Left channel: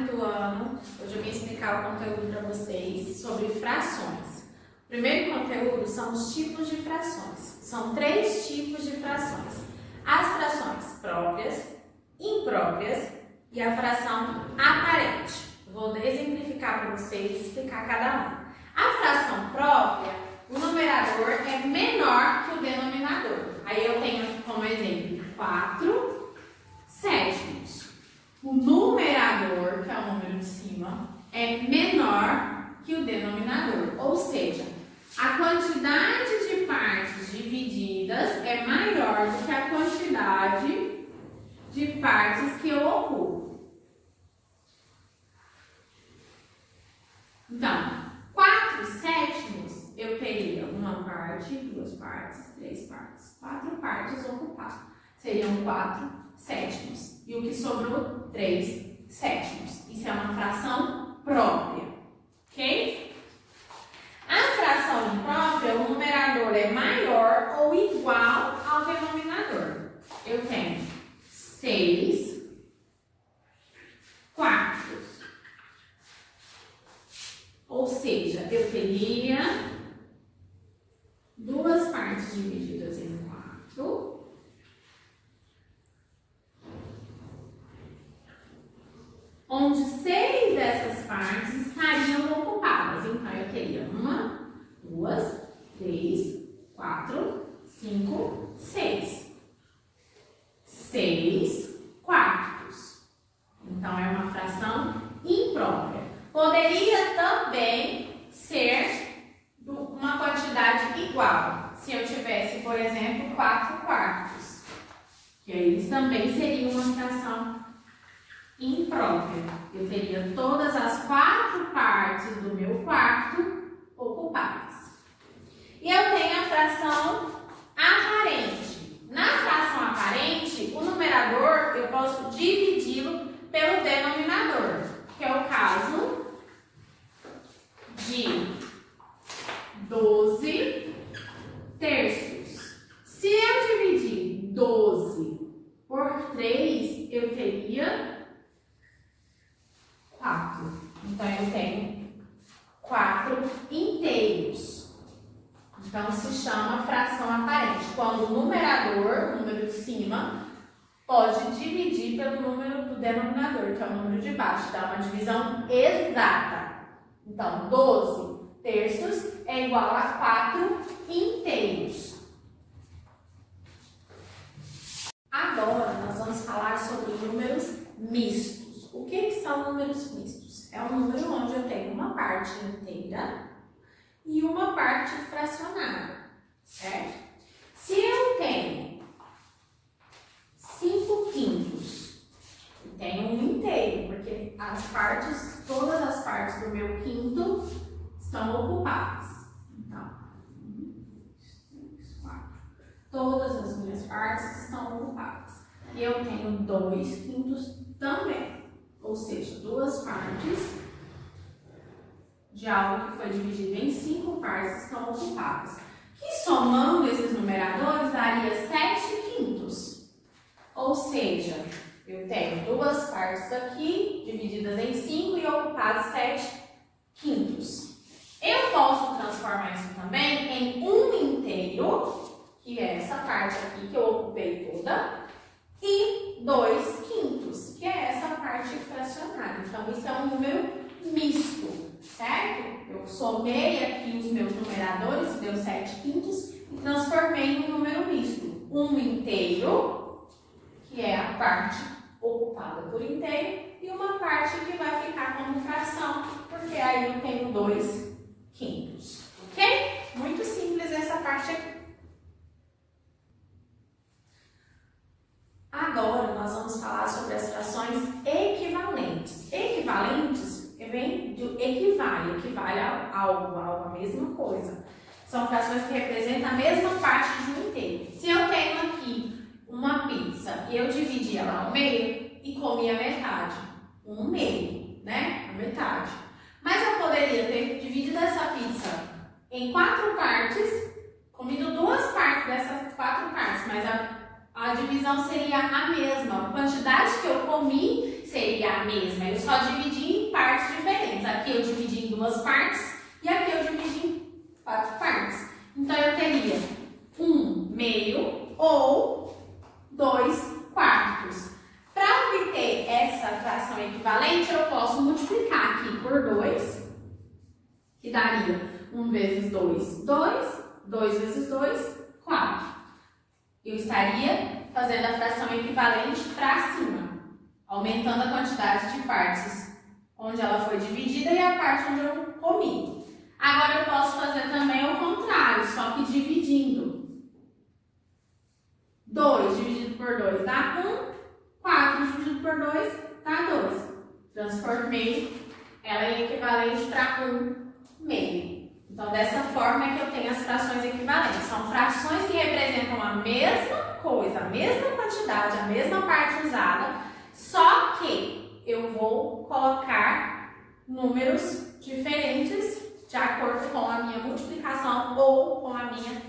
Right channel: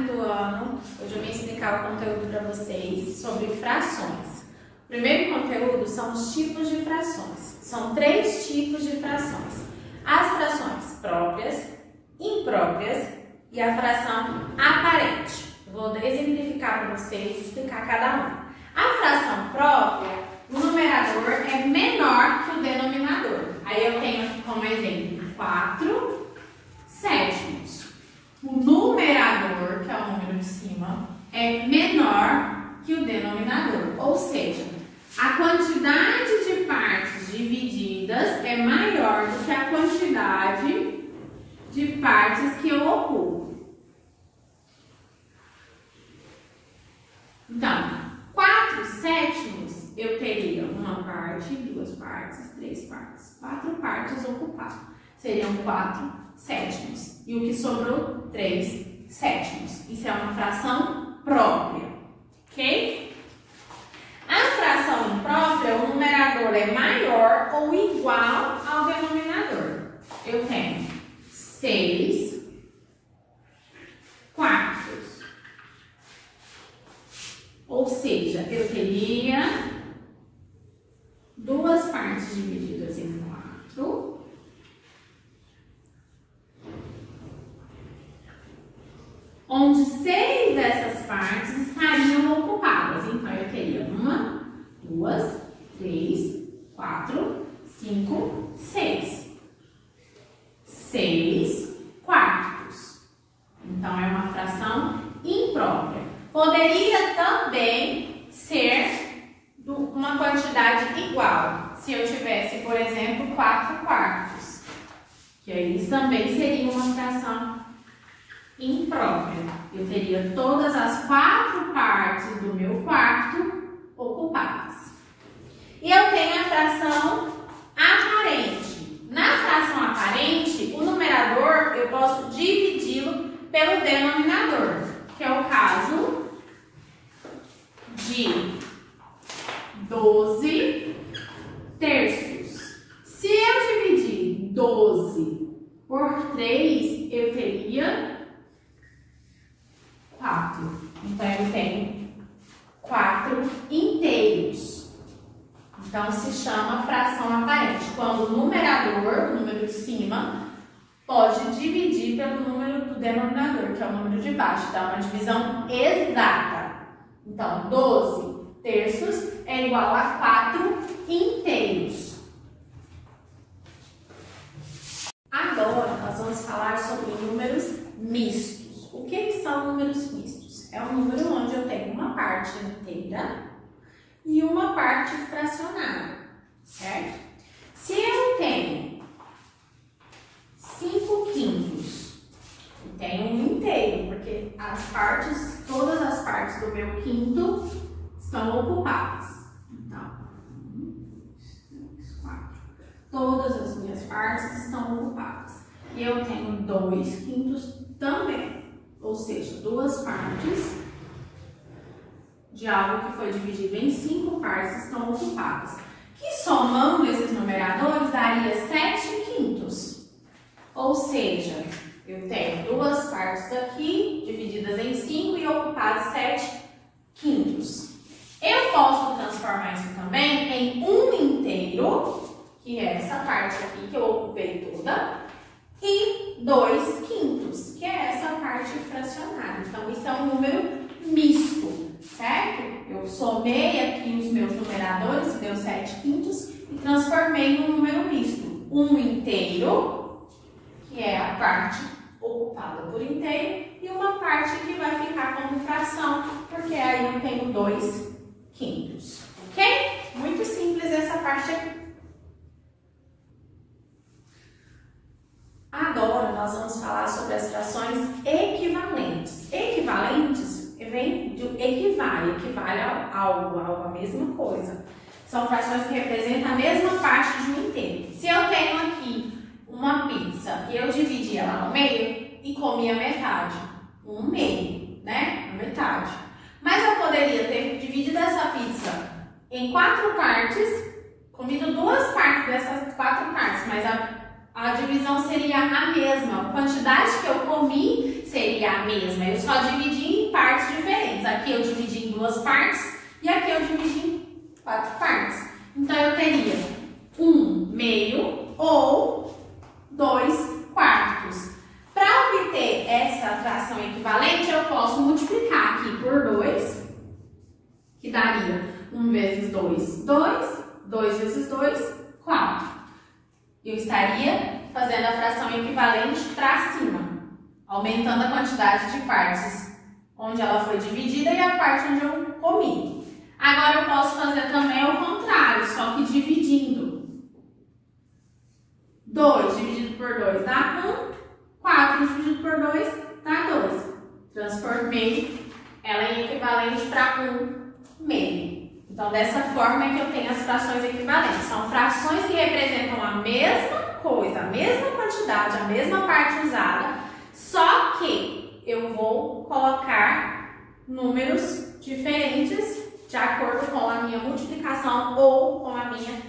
quinto ano. Hoje eu vim explicar o conteúdo para vocês sobre frações. O primeiro conteúdo são os tipos de frações. São 3 tipos de frações. As frações próprias, impróprias e a fração aparente. Eu vou exemplificar para vocês e explicar cada uma. A fração própria, o numerador é menor que o denominador. Aí eu tenho aqui como exemplo 4 sétimos. O numerador, que é o número de cima, é menor que o denominador. Ou seja, a quantidade de partes divididas é maior do que a quantidade de partes que eu ocupo. Então, 4 sétimos eu teria uma parte, 2 partes, 3 partes, 4 partes ocupadas. Seriam 4 sétimos. E o que sobrou? 3 sétimos. Isso é uma fração própria, ok? A fração imprópria, o numerador é maior ou igual ao denominador. Eu tenho 6 quartos. Ou seja, eu teria 2 partes divididas em 4. Onde 6 dessas partes estariam ocupadas. Então, eu teria 1, 2, 3, 4, 5, 6. 6 quartos. Então, é uma fração imprópria. Poderia também ser uma quantidade igual. Se eu tivesse, por exemplo, 4 quartos. Que aí também seria uma fração imprópria. Eu teria todas as 4 partes do meu quarto ocupadas. E eu tenho a fração aparente. Na fração aparente, o numerador eu posso dividi-lo pelo denominador, que é o caso de 12 terços. Se eu dividir 12 por 3, eu teria 4. Então, eu tenho 4 inteiros. Então, se chama fração aparente. Quando o numerador, o número de cima, pode dividir pelo número do denominador, que é o número de baixo. Dá uma divisão exata. Então, 12 terços é igual a 4 inteiros. Agora, nós vamos falar sobre números mistos. O que são números mistos? É um número onde eu tenho uma parte inteira e uma parte fracionada, certo? Se eu tenho 5 quintos, eu tenho um inteiro, porque todas as partes do meu quinto estão ocupadas. Então, 1, 2, 4. Todas as minhas partes estão ocupadas. E eu tenho 2 quintos também. Ou seja, 2 partes de algo que foi dividido em 5 partes estão ocupadas. Que somando esses numeradores daria 7 quintos. Ou seja, eu tenho 2 partes aqui divididas em 5 e ocupadas 7 quintos. Eu posso transformar isso também em um inteiro, que é essa parte aqui que eu ocupei toda, e 2 quintos, que é essa parte fracionada. Então, isso é um número misto, certo? Eu somei aqui os meus numeradores, deu 7 quintos, e transformei num número misto. Um inteiro, que é a parte ocupada por inteiro, e uma parte que vai ficar como fração, porque aí eu tenho 2 quintos, ok? Muito simples essa parte aqui. Agora nós vamos falar sobre as frações equivalentes. Equivalentes vem de equivale a algo, a mesma coisa. São frações que representam a mesma parte de um inteiro. Se eu tenho aqui uma pizza e eu dividi ela ao meio e comi a metade, um meio, né? A metade. Mas eu poderia ter dividido essa pizza em 4 partes, comido 2 partes dessas 4 partes, mas a a divisão seria a mesma. A quantidade que eu comi seria a mesma. Eu só dividi em partes diferentes. Aqui eu dividi em 2 partes e aqui eu dividi em 4 partes. Então, eu teria 1/2 ou 2/4. Para obter essa fração equivalente, eu posso multiplicar aqui por 2, que daria 1 vezes 2, 2. 2 vezes 2, 4. Eu estaria fazendo a fração equivalente para cima, aumentando a quantidade de partes onde ela foi dividida e a parte onde eu comi. Agora eu posso fazer também o contrário, só que dividindo. 2 dividido por 2 dá 1, 4 dividido por 2 dá 2. Transformei ela em equivalente para 1/2. Então, dessa forma é que eu tenho as frações equivalentes. São frações que representam a mesma coisa, a mesma quantidade, a mesma parte usada, só que eu vou colocar números diferentes de acordo com a minha multiplicação ou com a minha